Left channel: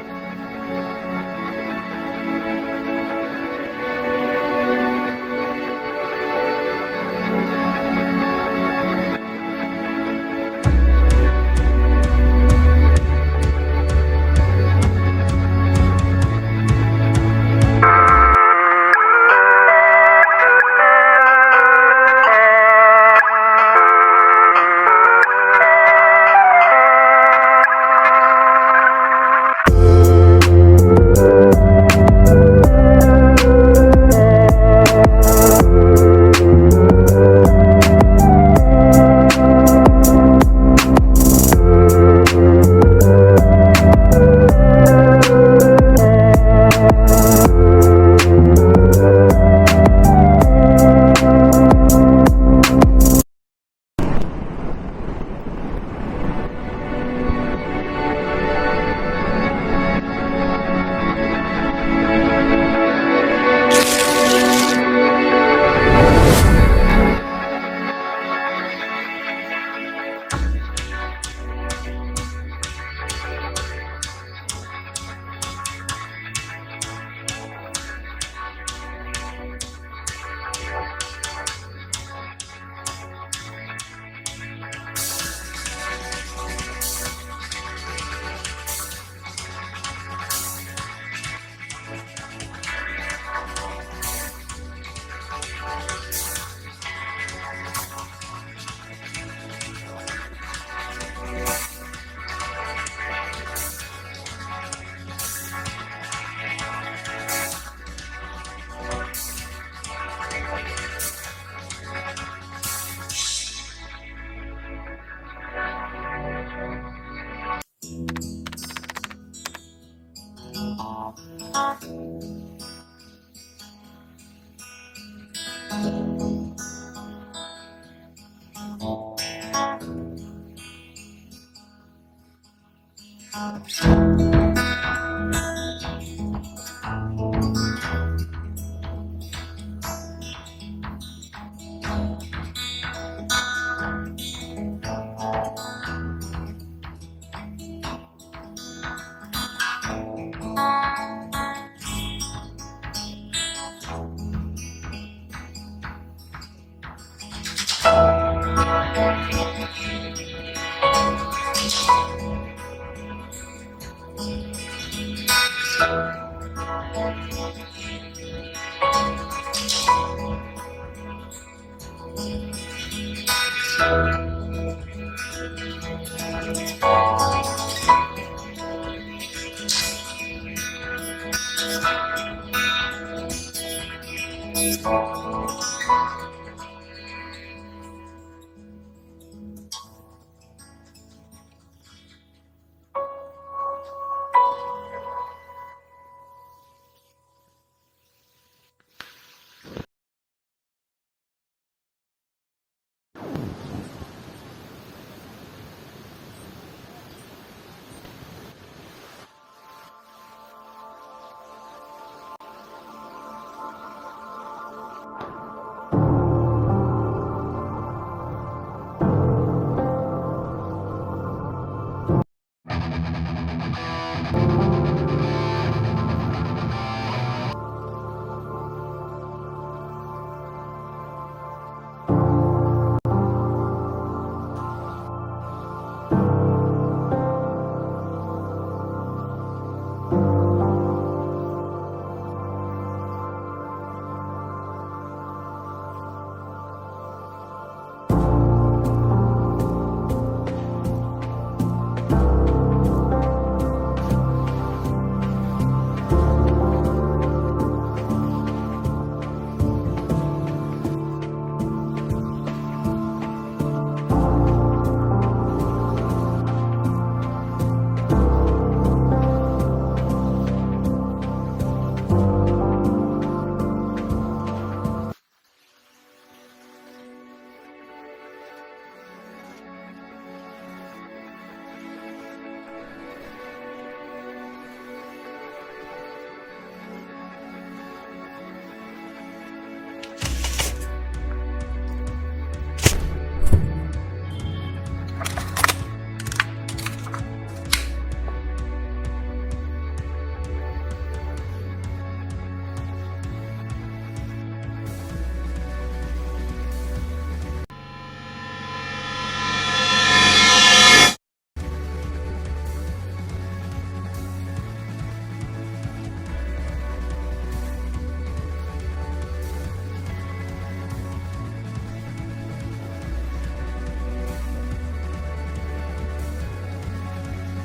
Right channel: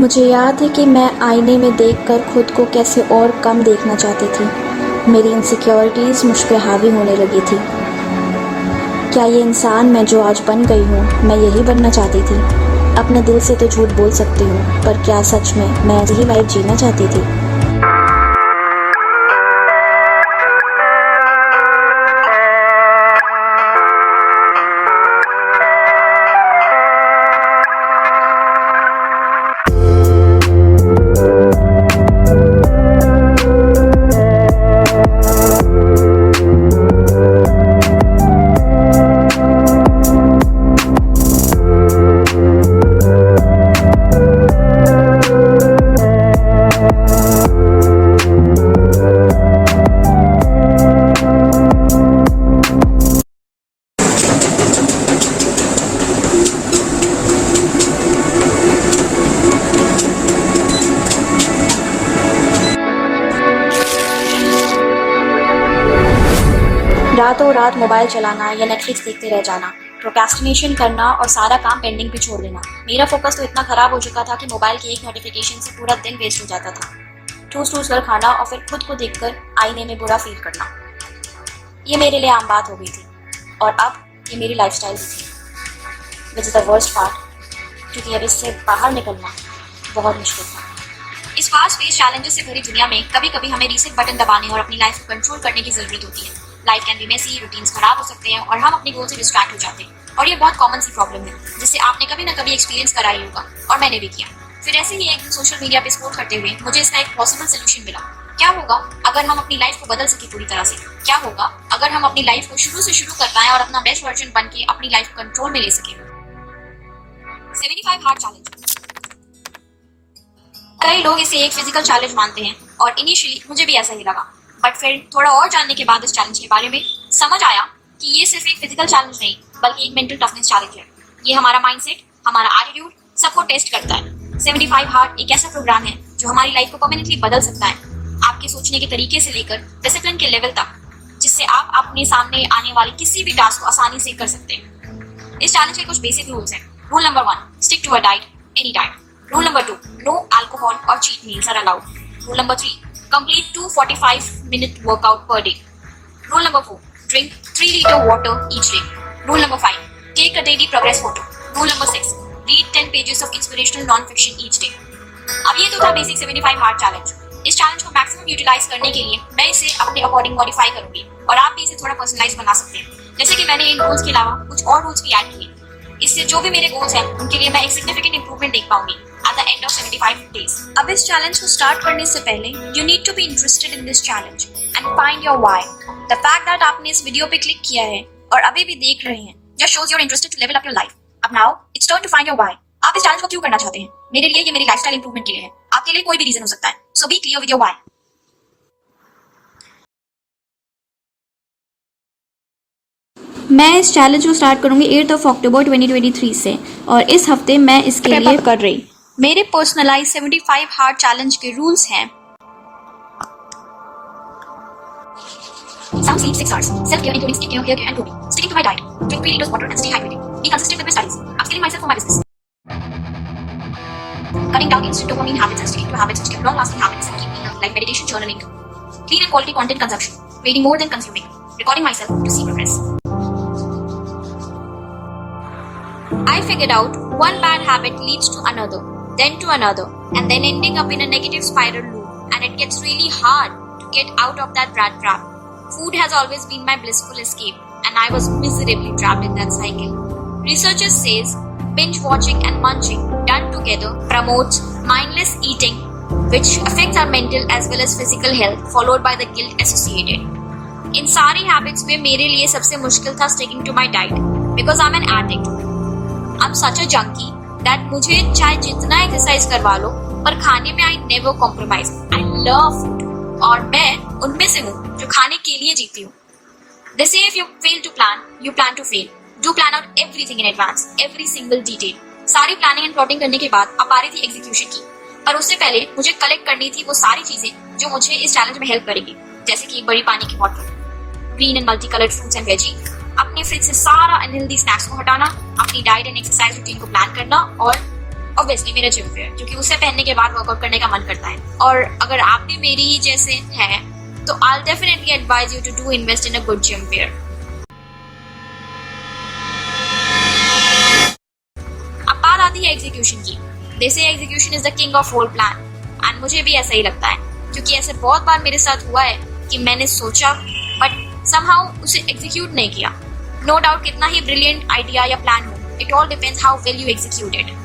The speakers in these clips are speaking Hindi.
मुझे याद है कि मैं आईने में देखकर खुद को कैसे और कम देखना चाहती थी। मेरी इनसिक्योरिटीज़ मुझ पे हावी होने लगी थी। क्या ये इंसान मैं जो आज बन गई हूँ, मैं यही बनना चाहती थी? अपने दिल से तो झूठ बोल सकती हूँ, पर क्या सच में मैं यही लाइफ जीना चाहती थी? रातों रात मोबाइल चलाना या नेटफ्लिक्स देखते रह जाना, प्रोक्रेस्टिनेशन करना और सारा काम पेंडिंग पे छोड़ देना। मेरा फोकस तो इतना खराब हो चुका था कि मोबाइल की एक नोटिफिकेशन से पूरा दिन वेस्ट हो जाता था। ठूस ठूस कर खाना और फिर खुद को देखकर आईने में बुरा फील करना, ये मेरे लिए आम बात हो गई थी और अब ये मेरी लाइफस्टाइल हो गई। Which is the worst part, क्योंकि अब इससे बाहर निकलना बहुत मुश्किल था। इस फास्ट पेस चैलेंजेस से भरी दुनिया में कभी कभी हमें रीसेट बटन दबाने और अपनी लाइफ को कंट्रोल करने की जरूरत होती है। Life can be messy, routines खराब हो सकते हैं और हम अपने गोल से डिस्ट्रैक्ट हो जाते हैं। और ये बहुत कॉमन सी प्रॉब्लम है जिससे आपने कभी ना कभी एक्सपीरियंस करा ही होगा और मैंने भी किया। फिर ऐसे ही एक दिन सोशल मीडिया पे स्क्रॉल करते हुए मुझे इसका एक पॉसिबल सोल्यूशन मिला। क्या होगा अगर हम अपनी लाइफ को बदल सके पूरी तरह से? क्या होगा अगर हम अपनी लाइफ को शुरू से शुरू कर पाएं और अपना बेस्ट वर्जन बन के अपनी लाइफ को कंट्रोल में ले सके? 75 हार्ड चैलेंज। कई लोग इसे एक फिजिकल चैलेंज मानते हैं और इनिशियली मुझे भी ऐसा ही लगा, बट फिर थोड़ा और जानने के बाद इस चैलेंज के बारे में समझ आया कि ये सिर्फ एक फिजिकल चैलेंज नहीं बल्कि एक मेंटल टफनेस चैलेंज है। ये हमारा माइंडसेट, हमारा एटीट्यूड सबको टेस्ट करता है। 75 हार्ड एक ऐसा प्रोग्राम है जो हमारी लाइफ को परमानेंटली बदल सकता है, आपके सोचने के तरीके से लेकर डिसिप्लिन के लेवल तक, जिससे आप अपने सामने आने वाले किसी भी टास्क को आसानी से कर सकते हैं। इस चैलेंज के कुछ बेसिक रूल्स हैं। Rule number 1, stick to a diet any time. Rule number 2, no alcohol or cheat meals are allowed. Rule number 3, complete 2 45-minute workout per day. Rule number 4, drink 3-liter water each day. Rule number 5, take a daily progress photo. Rule number 6, read 10 pages of inspirational non-fiction each day. अब ये तो था बेसिक 75 हार्ड चैलेंज। इस चैलेंज को मैक्सिमम यूटिलाइज करने के लिए मैं इसे अपने अकॉर्डिंग मॉडिफाई करूंगी और आप भी इसे थोड़ा पर्सनलाइज बना सकते हैं। जैसे कि मैंने इन रूल्स के अलावा कुछ और रूल्स भी ऐड किए। इससे जो भी मेरे गोल्स हैं उनके लिए मैं एक सिग्निफिकेंट इंप्रूवमेंट देख पाऊंगी at the end of 75 days. अब इस चैलेंज को स्टार्ट करने से पहले you need to be interested in this challenge and find your why. The fact that आपने इस वीडियो पे क्लिक किया है और अभी भी देख रहे हैं just shows your interested to level up your life. अब now it's turn to find your why. आप इस चैलेंज को क्यों करना चाहते हैं? मेरे लिए ये मेरी लाइफस्टाइल इंप्रूवमेंट के लिए है, आपके लिए कोई भी रीजन हो सकता है। So be clear with your why. मैं इस चैलेंज को स्टार्ट करूंगी 8 अक्टूबर 2023 से और इस हफ्ते मैं इसके लिए कर रही। मेरे पर्सनलाइज 75 हार्ड चैलेंज के रूल्स हैं। Sound sleep 6 hours. Self-care including skincare, hair care and clothing. Sticking to my diet. Drink 3 liters water and stay hydrated. Be consistent with my studies. Upskilling myself for my business. Cutting down instant dopamine habits and sticking to habits which give long-lasting habits and keep me healthy, like meditation, journaling. Clean and quality content consumption. Reading more than consuming. Recording myself to see progress. I figured out one bad habit leads to another, then to another, and then ending up in a negative spiral loop, and it gets really hard to get out of that rat trap. Food has always been my blissful escape, and I was miserably trapped in that cycle. Researchers says binge watching and munching done together promotes mindless eating, which affects our mental as well as physical health, followed by the guilt associated. इन सारी हैबिट्स में मेरे लिए सबसे मुश्किल था sticking to my diet, because I'm an addict. I'm such a junkie that मुझे चाहे जितना एक्सरसाइज करवा लो पर खाने में I never compromise. I love food और मैं उनमें से हूँ जो खाने के लिए जीती हूँ। They say if you fail to plan, you plan to fail. Do plan out everything in advance, every single detail. सारी प्लानिंग एंड प्लॉटिंग करने के बाद अब आ रही थी एग्जीक्यूशन की, पर उससे पहले मुझे कलेक्ट करनी थी वो सारी चीजें जो मुझे इस चैलेंज में हेल्प करेंगी, जैसे कि एक बड़ी पानी की बोतल, green and multi coloured fruits and veggie, अपने फ्रिज से सारा अनहेल्दी स्नैक्स को हटाना, अपनी डाइट एंड एक्सरसाइज रूटीन को प्लान करना ऑब्वियसली मेरा जिम वेयर, जो कि उसे पहनने के बाद वर्कआउट करने का मन करता है। और अगर आप भी मेरी ही जैसे हैं तो I definitely advise you to do invest in a good gym wear. अब बात आती है एग्जीक्यूशन की। They say execution is the king of whole plan, and मुझे भी ऐसा ही लगता है, क्योंकि ऐसे बहुत बार मेरे साथ हुआ है कि मैंने सोचा बट समहाउ उसे एग्जीक्यूट नहीं किया। नो डाउट कितना ही ब्रिलियंट आइडिया या प्लान हो, it all depends how well you execute it.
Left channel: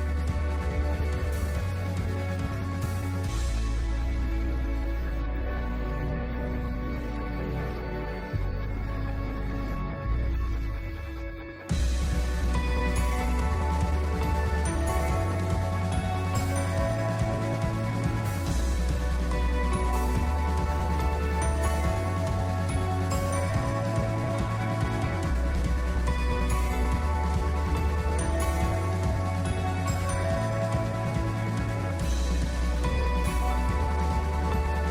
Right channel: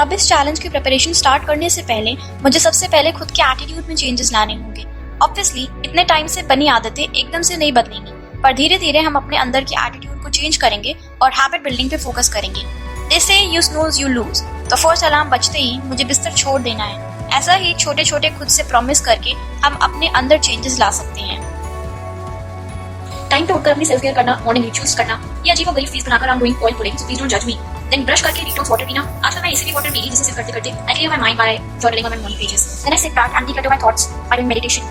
अब इस चैलेंज की प्रिपरेशन स्टार्ट करने से पहले मुझे सबसे पहले खुद के एटीट्यूड में चेंजेस लाने होंगे। ऑब्वियसली इतने टाइम से बनी आदतें एकदम से नहीं बदलेंगी, पर धीरे धीरे हम अपने अंदर के एटीट्यूड को चेंज करेंगे और हैबिट बिल्डिंग पे फोकस करेंगे। जैसे यू स्नूज यू लूज, तो फर्स्ट अलार्म बजते ही मुझे बिस्तर छोड़ देना है। ऐसा ही छोटे छोटे खुद से प्रॉमिस करके हम अपने अंदर चेंजेस ला सकते हैं। टाइम पे उठकर अपनी सेल्फ केयर करना, मॉर्निंग रिचुअल्स करना, ये अजीब गरीब फीस बनाकर I'm doing all today, so please don't judge me. Then brush करके डिटॉक्स वाटर पीना। आजकल मैं इसीलिए वाटर पी रही, जिसे करते करते I clear my mind by journaling on my morning pages. Then I sit back and think about my thoughts by doing meditation.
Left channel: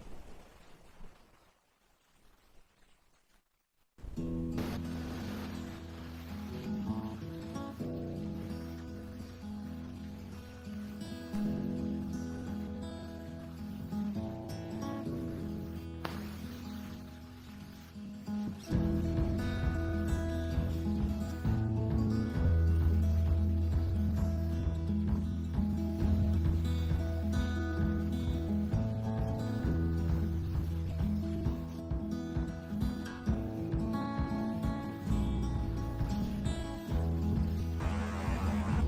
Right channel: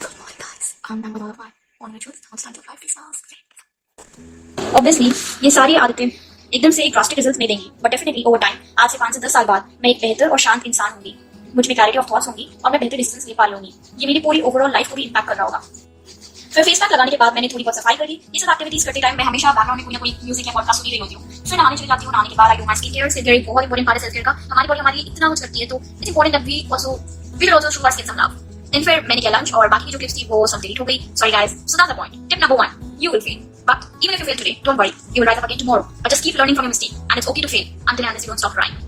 Come on guys, I'm done with all of my morning rituals. Now it's time to fly free songs. Obviously ये सारी आदतें एकदम से एक ड्रास्टिक रिजल्ट नहीं देंगी, बट डेफिनेटली ओवर टाइम, आज से 5 से 10 साल बाद मैं एक बेहतर और शांत इंसान होंगी। मुझ में क्लैरिटी ऑफ थॉट्स होंगी और मैं बेहतर डिसीजंस ले पा लूंगी। ये मेरी पूरी ओवरऑल लाइफ को भी इम्पैक्ट कर रहा होगा। फिर फेस पैक लगाने के बाद मैंने थोड़ी बहुत सफाई करी। ये सब एक्टिविटीज करते टाइम मैं हमेशा बैकग्राउंड में कोई ना कोई म्यूजिक या पॉडकास्ट सुनी रही होती हूँ। फिर नहाने चली जाती हूँ। नहाने के बाद I do my skin care. Skin care बहुत इंपॉर्टेंट पार्ट है सेल्फ केयर का। हमारी बॉडी हमारे लिए इतना कुछ करती है, तो it's important that we will also show our skin some love. Then फिर मैंने किया लंच, और बाकी की जो टिप्स थी वो सब डिलीट हो गई। Sorry guys. So that's the point. Tip number 1, you will fail. But even if you fail today, don't worry. You will rise up again tomorrow. But just keep learning from your mistake, and it's okay to fail until and unless you don't stop trying.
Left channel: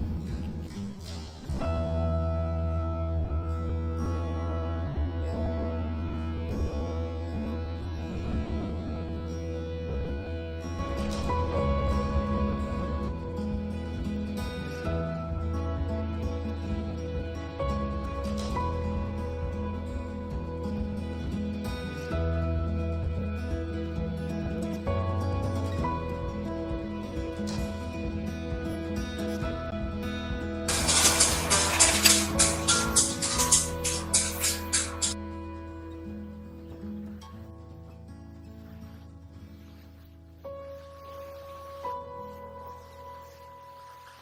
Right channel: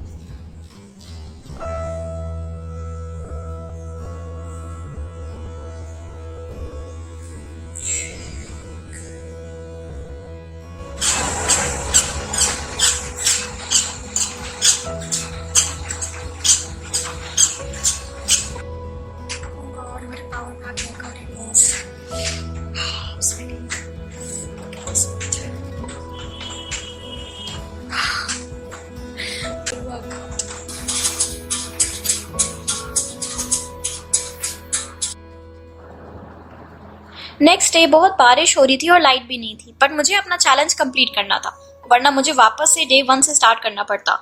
Next day बहुत बारिश हो रही थी और लाइट भी नहीं थी, बट मुझे अपना चैलेंज कंप्लीट करना था, वरना मुझे वापस से डे 1 से स्टार्ट करना पड़ता।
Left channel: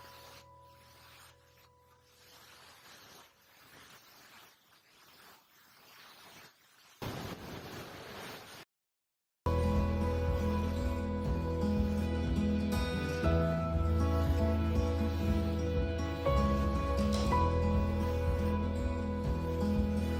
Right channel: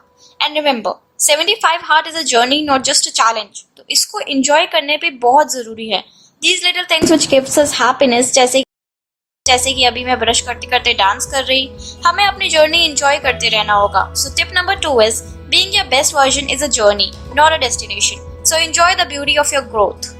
And remember, 75 heart is a journey, not just a challenge. तो इसको एंजॉय करने पे बहुत जरूरी है। These little things which gives us happiness, जैसे कि अभी मैं ब्रश करते करते डांस कर रही, हमें अपनी जर्नी एंजॉय करते रहना होगा। So tip number 2 is being your best version is a journey, not a destination. So enjoy the beauty of your growth.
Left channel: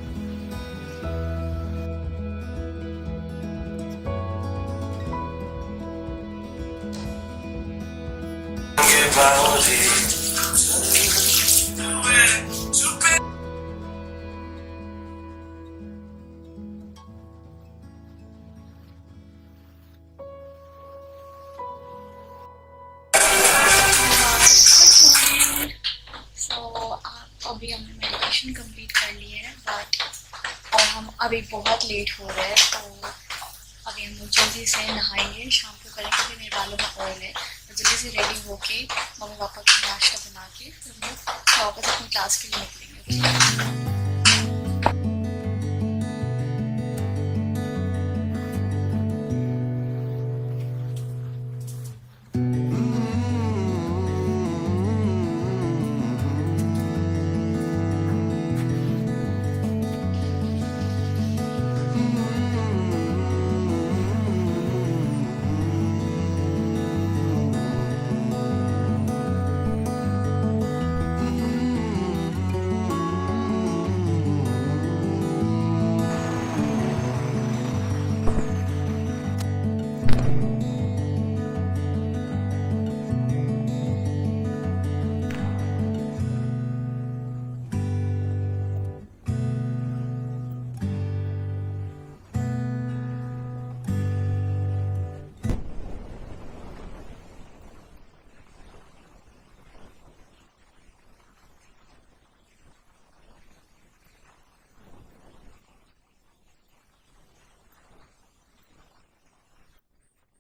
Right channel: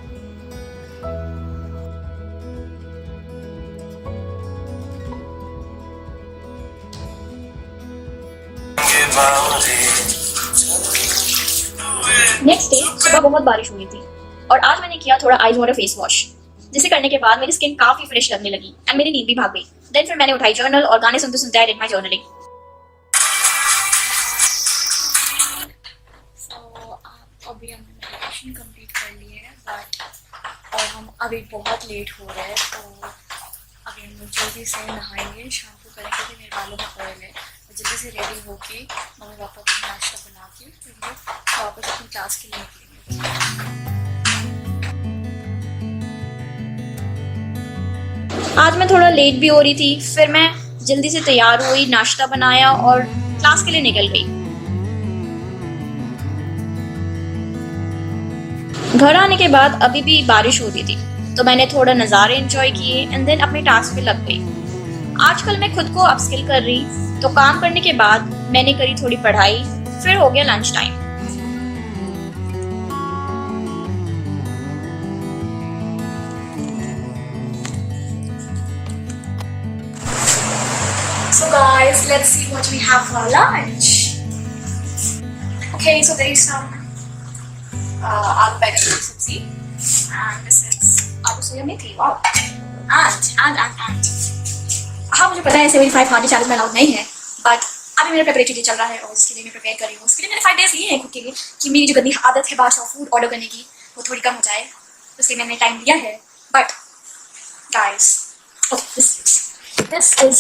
Next day सुबह बहुत बारिश हुई थी, और आज मैंने किया थोड़ा आइज वाटर फेस वॉश, जिसे करने के बाद मेरी स्किन काफी फ्रेश लगने लगी एंड मेरी नींद भी भाग गई। देन फिर मैंने उठाई जर्नल और गाने सुनते सुनते आई डिड माय जर्नलिंग। सो अभी हमने मेडिटेशन कंप्लीट कर ली है, बट और हम अभी बहुत लेट हो रहे हैं, तो अभी हम लोग जल्दी से नहाएंगे, शैम्पू करेंगे क्योंकि मेरे बालों में ऑयल है। तो जल्दी से रेडी होके मम्मी पापा को नाश्ता बना के फिर हम लोग वापस अपनी क्लास के लिए निकलेंगे। आज मैं थोड़ा लेट भी हो रही थी, फिर मैं जल्दी से तैयार हुई, नाश्ता बनाया और क्लास के लिए निकल गई। घर आने के बाद अभी भी बारिश होती थी, तो मैंने थोड़ा नज़ारे एंजॉय किए एंड देन अपने टास्क पे लग गई। आजकल मैं खुद को अपस्किल कर रही, तो काम करने के बाद मैंने करी थोड़ी पढ़ाई, फिर हो गया lunch time. So guys, let's see what we have for lunch. Okay, so there is some aloo बैंगन की सब्जी, and this is आलू सोया मेथी। Wow. And हाँ, मुझे पता है 75 हार्ड चैलेंज में अलाउड नहीं है, बट अभी मेरा प्रिपरेटरी डे चल रहा है और उसके लिए मैं प्रिपेयर कर रही हूँ। उसके लिए मैंने 5 डेज लिए हैं खुद के लिए, कि मेरी जो गंदी आदत है बाहर से फूड ऑर्डर करने की वो थोड़ी कम हो जाए, तो इसलिए मैंने टाइम लिया है। But guys, this is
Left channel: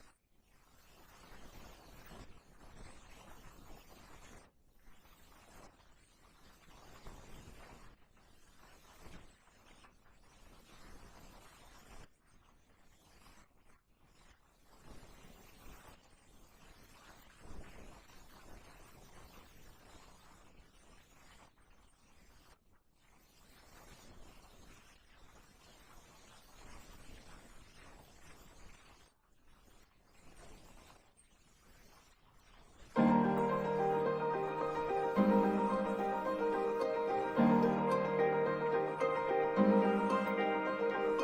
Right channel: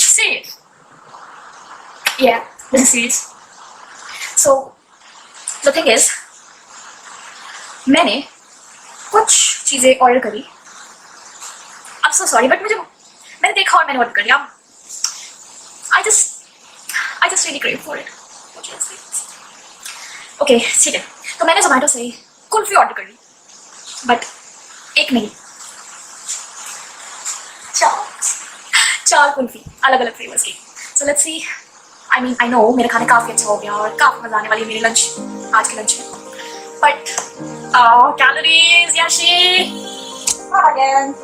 safe. Yeah, this is serious. So the thing is, मैंने कुछ चीज़ें ऑर्डर करी so sorry, but मैंने देखा और मैंने ऑर्डर कर लिया. I just really crave for it. Okay, ठीक है. तो मैंने Zomato से कुल्फी ऑर्डर कर ली, बट एक नहीं, चार कुल्फी अलग अलग फ्लेवर्स की. So let's see. I know मेरा खाना काफी अच्छा हो गया और काफी मजा आने वाली है मेरी आज के लंच में. But calories, Yashi. Again.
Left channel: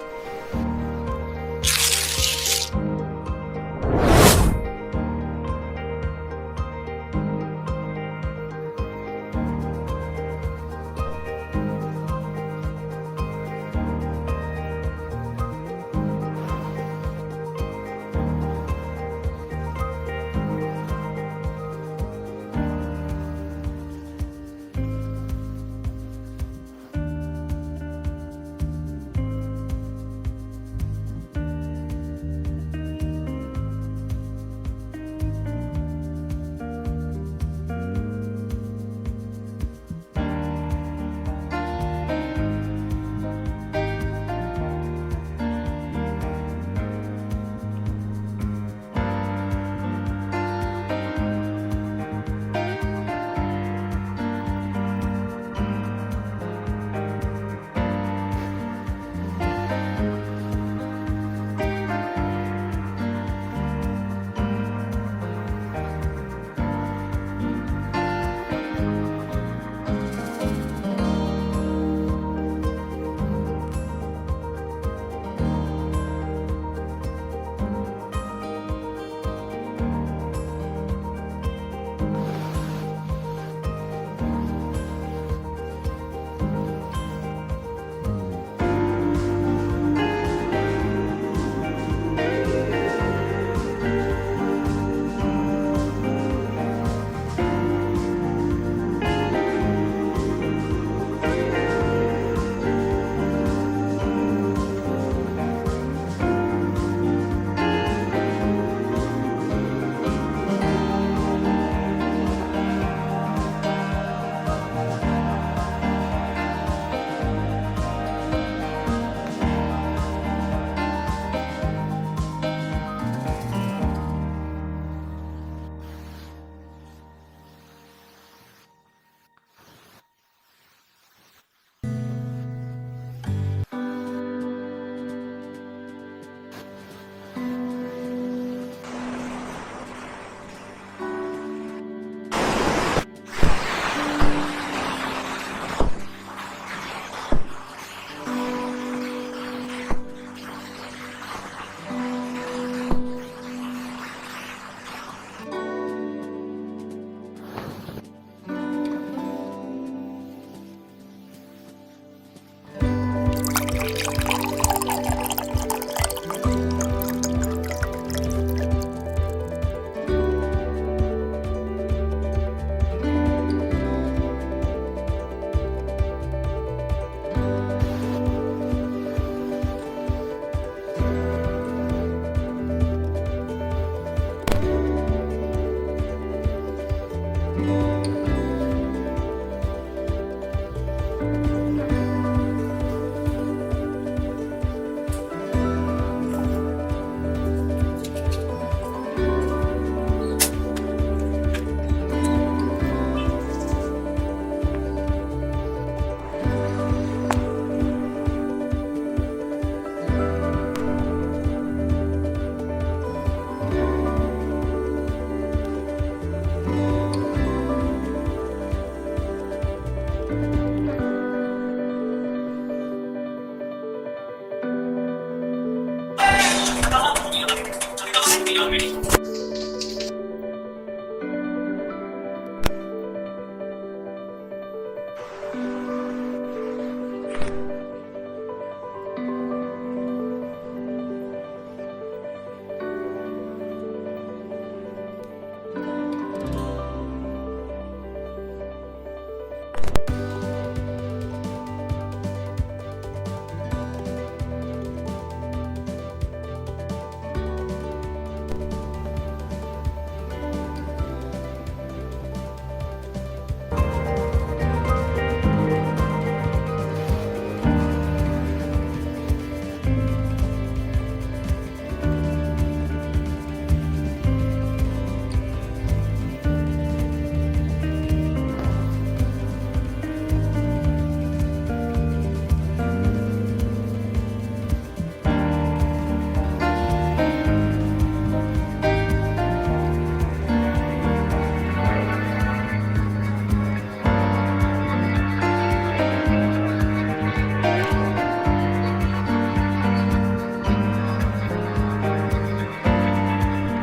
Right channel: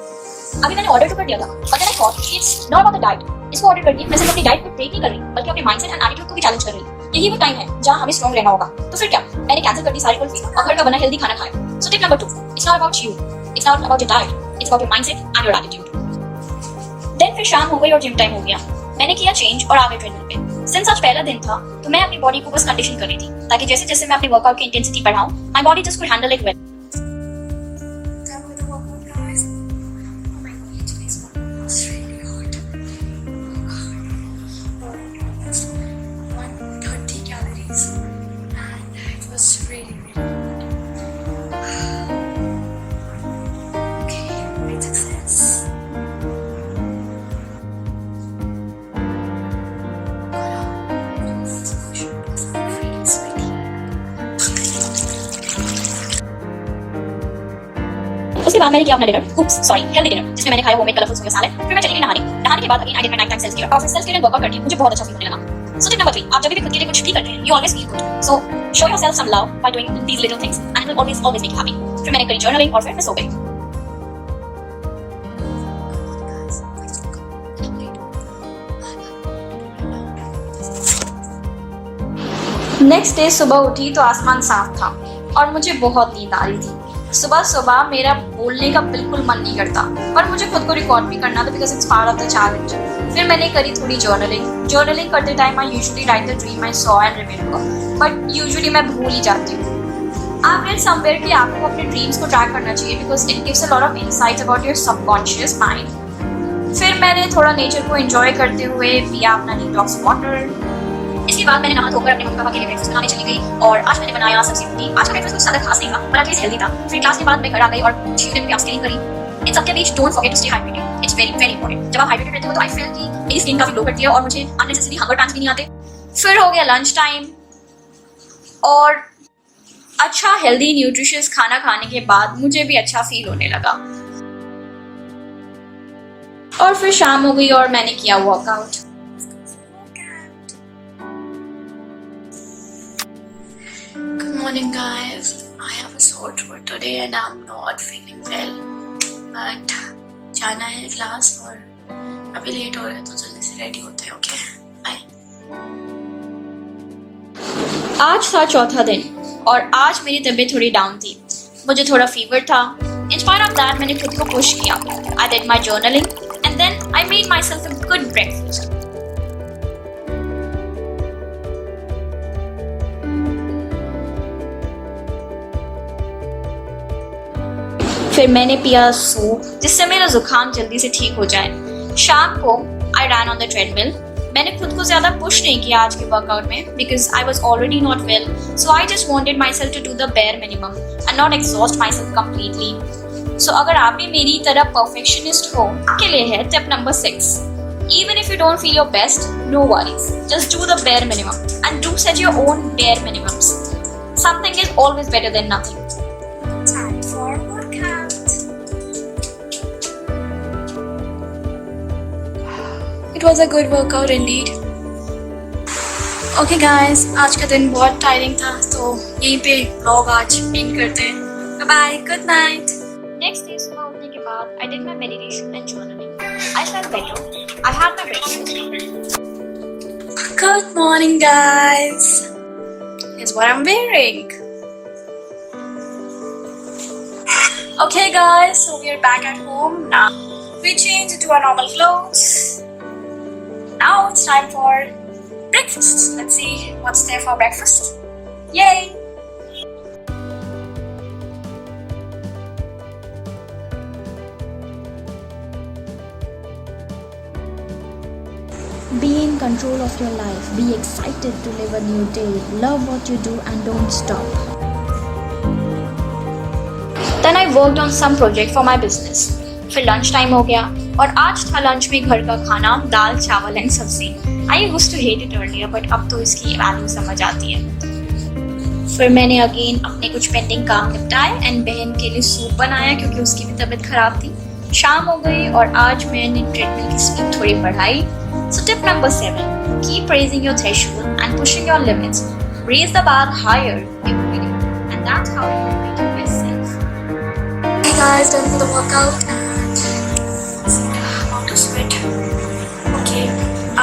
अभी मैंने ऑर्डर तो कर दिया था, but I thought it's not about the diet. इसको ऑर्डर करके मैं सिर्फ अपनी डाइट पे ब्रेक नहीं कर रही, बल्कि अपने माइंडसेट एंड एटीट्यूड को भी चैलेंज कर रही. यही वो टाइम है जहाँ हमें स्ट्रॉन्ग रहना होगा. तो फिर क्या, मैंने कैंसिल कर दी सारी कुल्फी और घर का बना हेल्दी खाना खाया. So tip number 2, it's not about you, it's not about your diet, it's about your mindset and your attitude. Then फिर शाम हो गई और जिम टाइम हो गया. मैंने किया चेंज और आ गए ट्रेनिंग पे. सिंस आज पहला दिन था तो मैं अपनी बॉडी को बस कंडीशन कर रही थी, ताकि जैसे जैसे मैं अपनी वर्कआउट की इंटेंसिटी बढ़ाऊं, my body just could handle it well. उसके बाद मैंने किया अपना डिनर, हेल्दी डिनर, जिसमें मैंने खाया होममेड कलरफुल सोया सैलेड. फिर मैं चली गई नहाने के बाद again I did my night time self care. और सेल्फ केयर एंड वर्कआउट करके मुझे बहुत अच्छा फील होने लगा. सो टिप नंबर 3, आप जब भी खुद के लिए कुछ भी करते हैं, you always feel good. So show yourself some love by doing these little things and it will always make you happy. फिर मैंने करी जर्नलिंग और फिर मैं सो गई. नेक्स्ट डे सुबह उठी तो आसमान साफ था और मुझे बहुत नींद आ रही थी. सुबह सुबह मेरा बोलने का बिल्कुल मन नहीं करता, पर मुझे खुद को रिकॉर्ड भी करना था because it's part of the challenge. फिर मैंने करी थोड़ी जर्नलिंग करते time I usually right the dream I saw and remember, but usually मैं भूल ही जाती हूँ. आई रेड समवेयर कि आपको अपने ड्रीम्स को ट्रैक करना चाहिए because it gives a lot of insights about your subconscious mind. फिर मैंने थोड़ा नेचर को एंजॉय करते हुए पिया अपना डिटॉक्स वाटर. इसके बाद मैंने नहा धोकर अपने मम्मी पापा के लिए ब्रेकफास्ट बनाने चली गई और आज मैंने बनाया सब्जी रोटी. आज का ब्रेकफास्ट कुछ ज्यादा खास नहीं था, पर एटलीस्ट हेल्दी था. फिर क्लास के बाद मैं घर आ गई और 6 दिन प्याज क्लीन करी. इन सबके बीच don't forget to stay hydrated, it's very very important. जब आप हाइड्रेटेड रहते हो तो आई फील कि मेरी स्किन काफी ग्लो करती है और मुझे अननेसेसरी हंगर पैंस भी नहीं आते. फिर हो गया लंच टाइम और अच्छा हेल्दी न्यूट्रिशियस खाना खाने के बाद मुझे भी अच्छा फील होने लगा. और फिर शाम हो गई और मैंने किया workout. Morning guys, I have a sore throat today and I'm not feeling well, but जाना है क्लास और अभी लेट हो रहा है तो जल्दी से रेडी होते हैं. Okay bye. आज था चौथा दिन और आज मेरी तबीयत थोड़ी डाउन थी. मुझे थोड़ा फीवर था. In spite of that मैंने खुद को पुश किया. I did my journaling and then I made myself a good breakfast. फिर मैंने पिया सूप जिससे मेरा जुकाम जल्दी से ठीक हो जाए. शाम को आई रैन ऑन द ट्रेडमिल. मैंने खुद को ज्यादा पुश नहीं किया आज के वर्कआउट में because I was already not well. So I just wanted myself to do the bare minimum and not exhaust myself completely. So अगर आप भी मेरी तरह परफेक्शनिस्ट हो के लिए है tip number 6. Even if you don't feel your best, no worries. Just do the bare minimum and do set your own bare minimums. Something is always better than nothing. It was a good workout indeed. Okay guys, आज का दिन बहुत टायरिंग था तो यहीं पे व्लॉग आज एंड करते हैं. Bye bye, good night. Next day सुबह उठने के बाद I did my meditation and journaling. I slept well. I had my breakfast. Good morning guys. Here's what I'm wearing. Okay guys, so we are back at home now. We changed into our normal clothes. Now it's time for breakfast. Let's see what's there for breakfast. Yay! Be in control of your life. Be excited to live a new day. Love what you do and don't stop. Then I worked on some project for my business. फिर लंच टाइम हो गया और आज था लंच में घर का खाना, दाल chawal and sabzi. I used to hate it earlier but अब तो इसकी वैल्यू समझ आती है। फिर मैंने अगेन अपने कुछ पेंडिंग काम निपटाए एंड बहन के लिए सूप बनाया क्योंकि उसकी भी तबीयत खराब थी। शाम हो गई और आज मैंने ट्रेडमिल की स्पीड थोड़ी बढ़ाई। So tip number 7, keep raising your threshold and pushing your limits. Raise the bar higher every day, and that's how you make yourself. Hey guys, done for the workout and amount of sweat. Okay,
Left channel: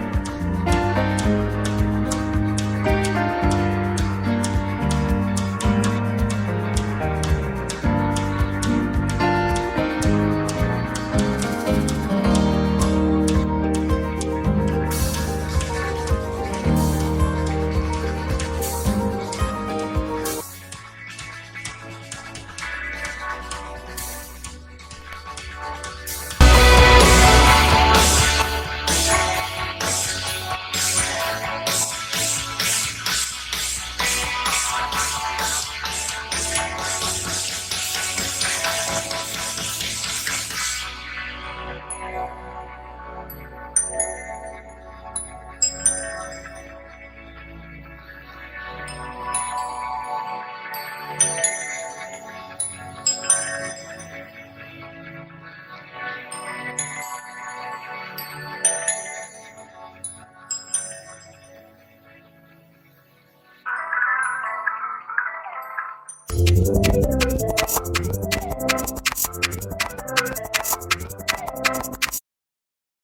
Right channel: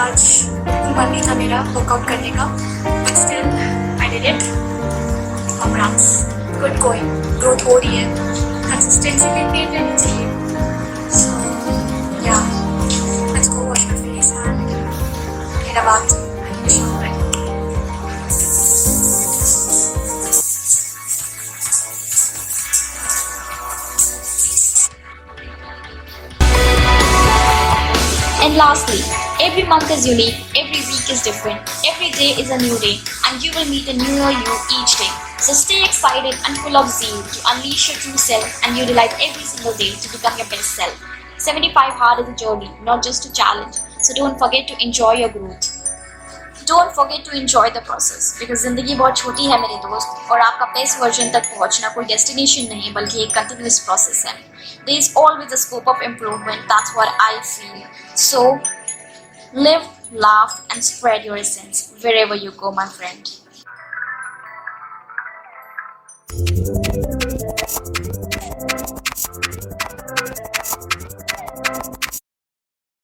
आज मन नहीं था मेरा वर्कआउट करने का, but still I did it. Congrats, good going, growth हो रही है, consistency maintain रहनी चाहिए. So yeah, let's go wash my face and मेरा बात शाम तक. And lastly, every month is unique, every week is different, every day is a new day, and you will meet a newer you each day. So stay excited and full of zeal to unleash your true self and you delight every single day to become your best self. 75 hard is a journey, not just a challenge. So don't forget to enjoy your growth. Don't forget to enjoy the process because जिंदगी बहुत छोटी है मेरे दोस्त और आपका बेस्ट वर्जन तक पहुंचना कोई डेस्टिनेशन नहीं बल्कि एक कंटिन्यूस प्रोसेस है. There is always a scope of improvement. That's what I feel. So live, laugh, and spread your essence wherever you go, my friend.